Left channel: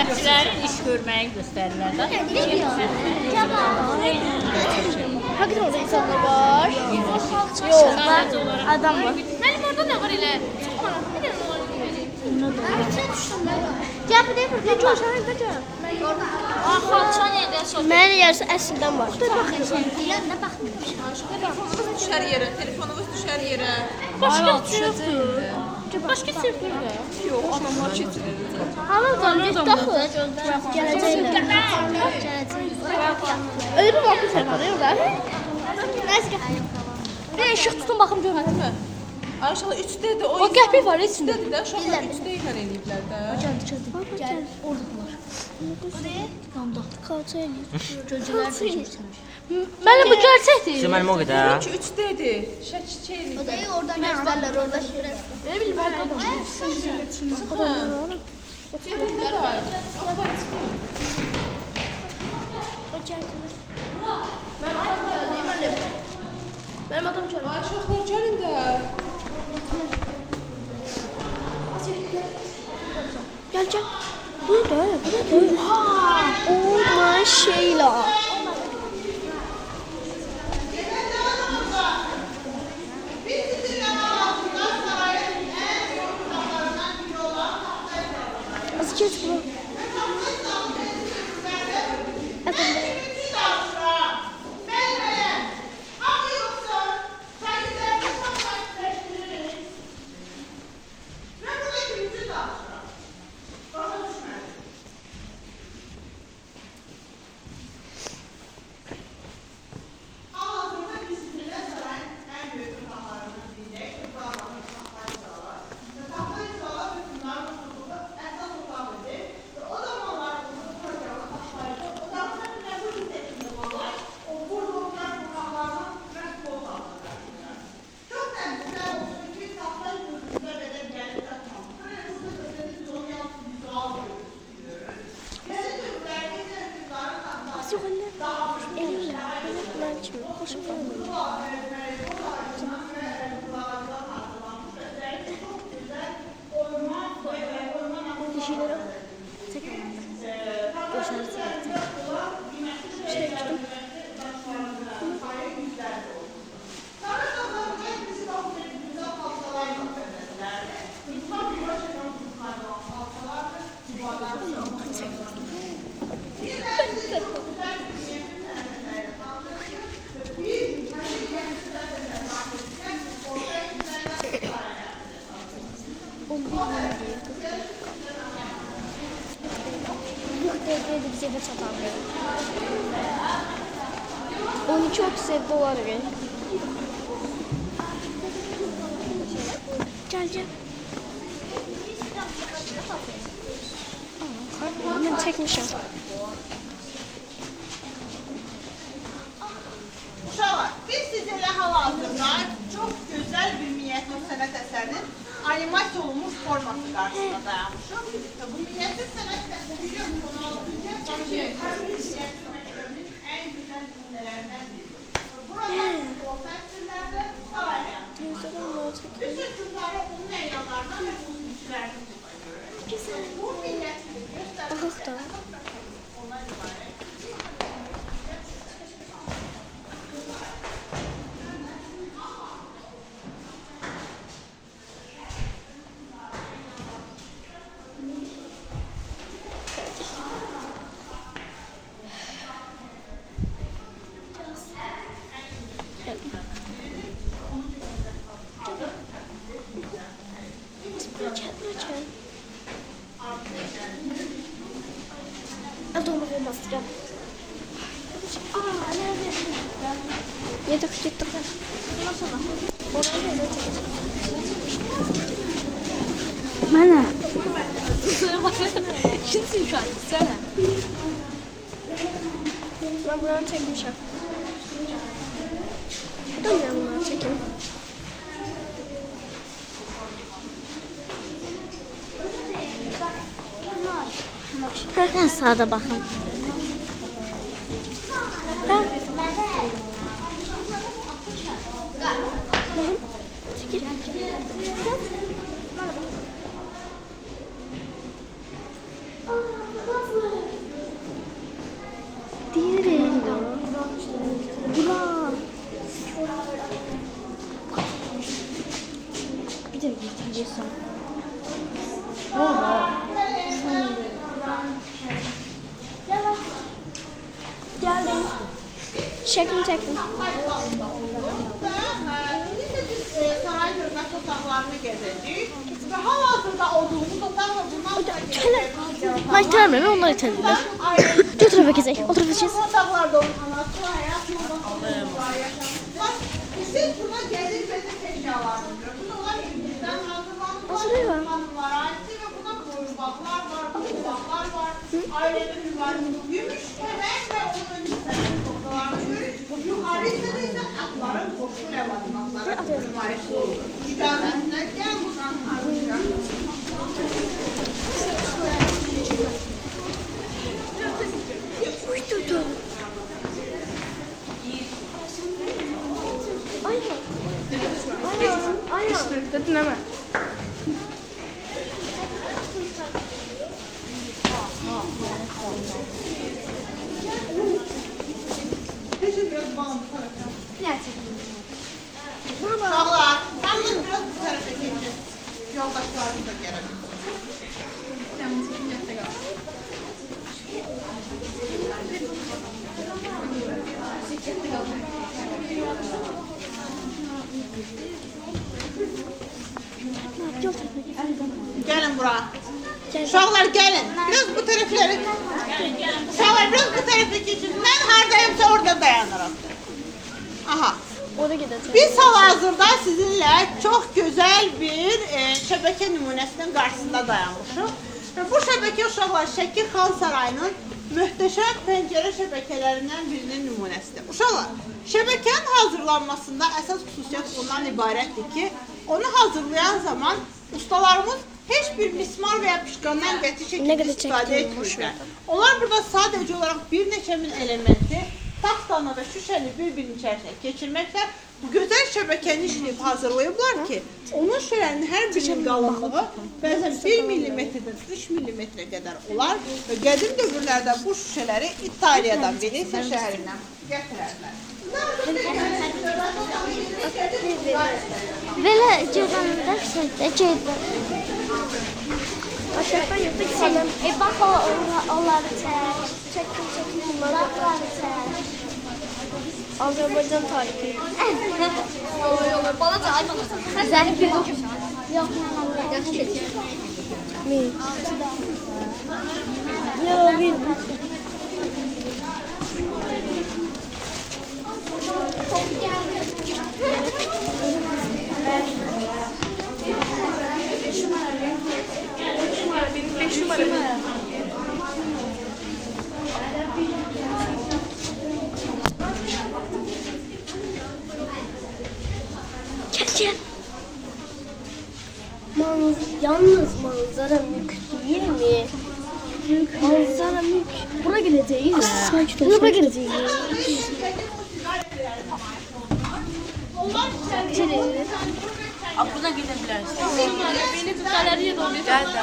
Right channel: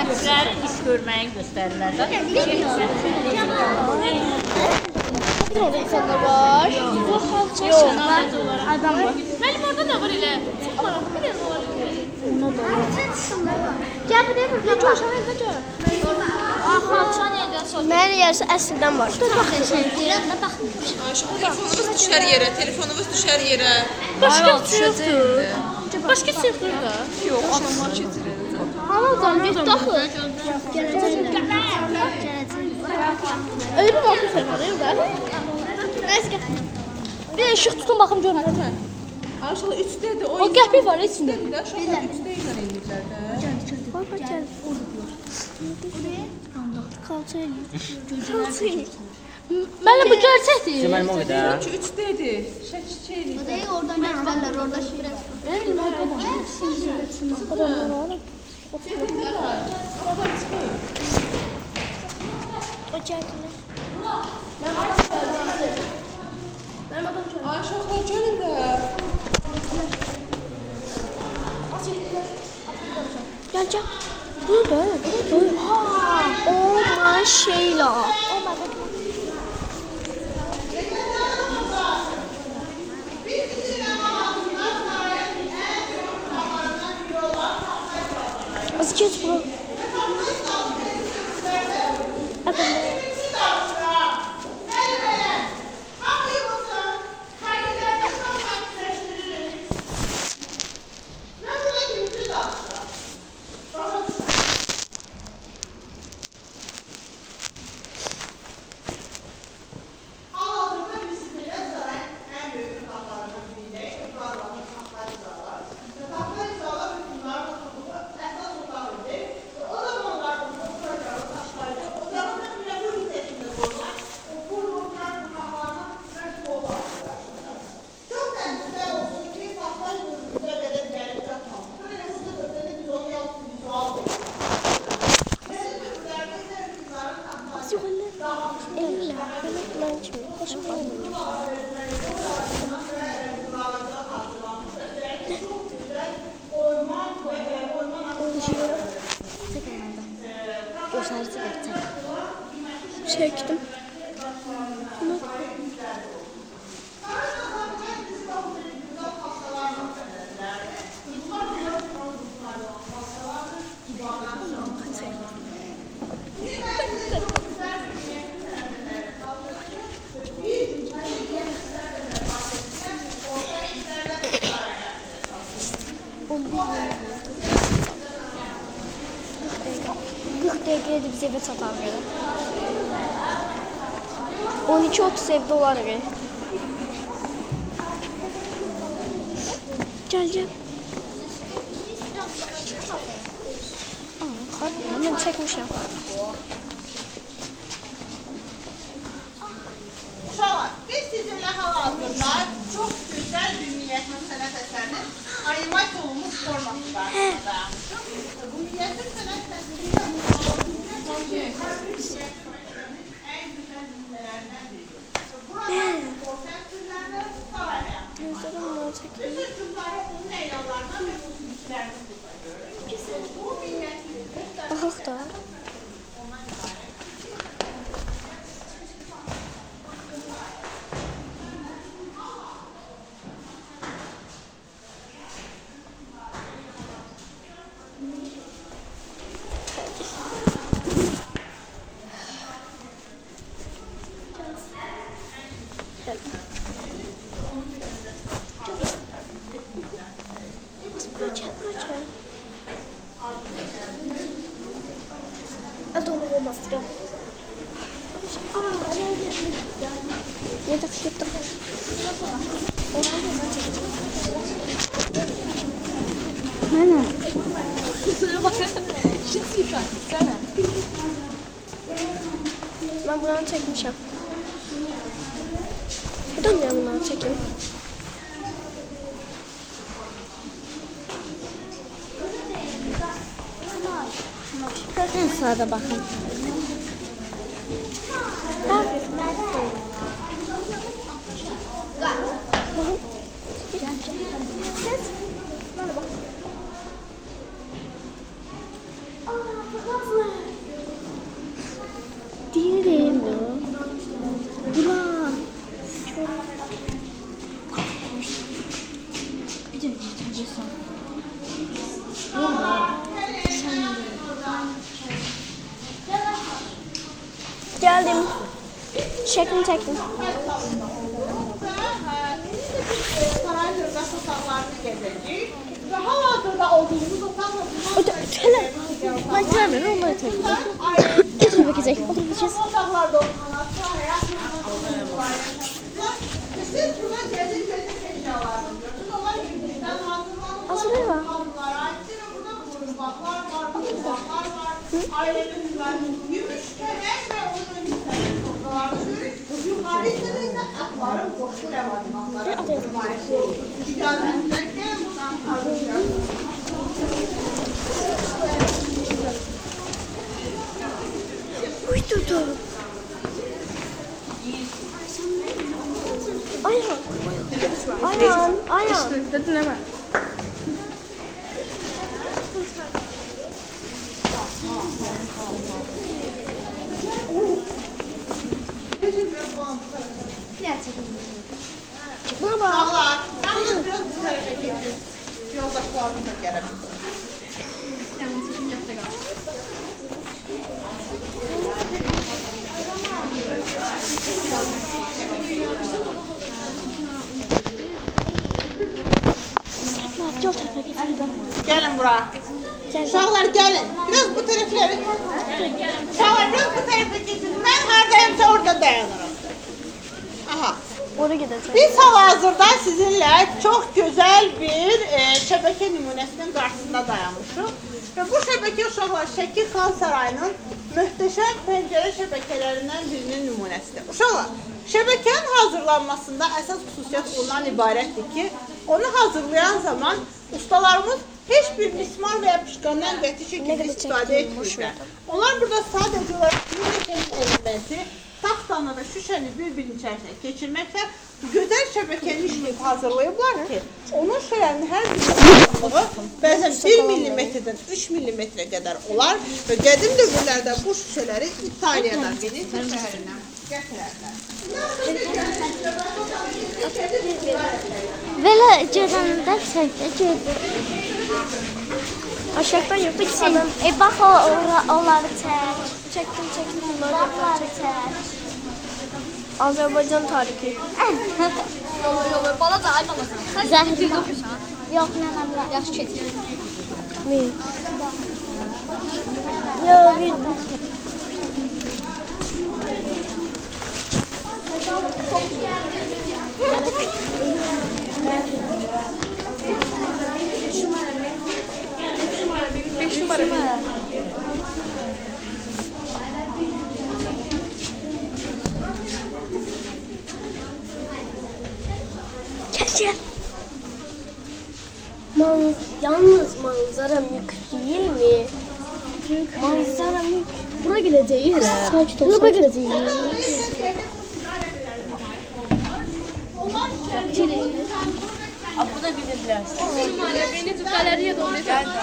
xidmətçilərin iş görməyi göstərirlər. Hakikaten orada insanlar var. Yok. Adam var. Mənim orada da var elə. Gel bu değil mi? Bir coşan kaçar. Nerede yerse əslində var. Dur baxın. Telefonunuz düşər yerə, telefonunuz düşər yerə. Başka düşəcək. Başka sıfır var. Yox, adamlar keçirir. Hala zannet daxıl. Öyle bir bakış yapmadı yok da. Neyse gel. Bir de ışık tutun bakım görün. Aşağı 3-dədir. O qəpik var içində. Aşağı 3-də ilə eləyirlər də. Baba gel. Kalça eləyir. Mənə bu gerçəkdir. Mən o qədər. 3-dədir. Şəkil eləyirlər. Oradan gösterler, orada şeref. Ay, çoxlar gəlin də. Gel gel. Bunu da öyle. Oh my Sheila. Az geç bunu. Evet. Çektim. Bize de satanları. 12.30 evde dolar verir. Gel gel. Hemen çekmişim. Uşaqlar, biz sizinle hal-hazırda çox gözəl bir minyatür sənət əsərinin animasiya olunmuş forması qarşısında dayanmışıq. Bu minyatür sənət əsəri en güzel nümunələrindən biridir. Burada ortak türlərdə sağlayan. Bütün cümləri onun eyanlarından və xüsusilərini tutacaq. Bu minyatürü göstərmək Baxaq da. ondan ibarət. Adamı olmaz ya. Ne de fikir bakın. Mana? Şimdi şu an sana. Ben buranı çekmişim. Dönmüyorum bunları çekin. En sırada bakın. Şəklini çəkdim. Saray Hırdaş otaqlarını gezəcəyik. Və hal-hazırda olduğumuz otaqla Hələ mən görmürəm, onları çəkdim. O tərəfə keçək, o tərəfə keçək. otaqlarda oturması, həyat siz buna gəlir gözü eşyalarını görürsünüz. Onlar yüzdən hazırlanmış. Hazırlayın var. Hanımlara aiddir və buna qoyunbaqlar var, qoyunbaqlar var. Ailənin mübarək gümüş kəmək və onun hissələri toplanan gümüş. Yuxarı hissədə isə atların qoşu ləvazimatları nümayiş olunur. İcazətlə gəl buradan hazırlayalım. Uydurdum. Ayhan. Ayhan. Ayhan. Dedin ama. Baba. Sağlar. Sağlar biraz bu tarafa geçin. Yoldaşlarımız da gelebilir. Yol tərəfə keçək. Gelin buraya. Gel. Uşaqlar gelin. Biraz bu tərəfləri. Uşaqlar biraz bu tərəfə keçin. Mən haradayımsa orada dayanırım. Aha. Oraya gedəcək. Biz hal-hazırda sizinle çok güzel bir şebeke nümunesinin karşısında dayanmışıq. Ve bu şebeke uşaqlar Şəkir Xan Sarayının möhtəşəm pəncərə şəbəkələrindən birinin nümunəsidir. Uşaqlar, şəbəkenin hazırlanmasında əsas xüsusiyyət ondan ibarətdir ki, onu hazırlayan zaman ustalarımız heç bir mismar və ya pişkandan qəti Nə şəkildə qədər istifadə çəkdim, etmirlər. Onlar burada sadəcə olaraq bir neçə elementi taxtanı və şüşəni bir-birinin içərisinə keçirməklə gözəl şəbəkəni işləyib hazırlayıblar ki, onun şüşələrinin hər birinin uzunluğu bəzən 1 millimetrdən 3 millimetrə qədər olar və qədim dövrlərdə bu şüşələri İtaliyadan Venesia şəhərindən gətirərlər. Belə cəbanda səhdə cəbə. Aşağıdan yoxdur ki, sən. Bax onları çək. Çəkdim, bunları da çək. Azərbaycan tarixi. Olur, balaca ay balaca. Zənin bir oxusan. Yox, Yaxşı keçir. mi? Yox, bildim. Gel. Yalnız manzara mülk değil mi? Manzara mülk. Buraya gideceğiz. Buraya gideceğiz. Abduna gidirlər. Beni tut galeriye doğru. Gel de.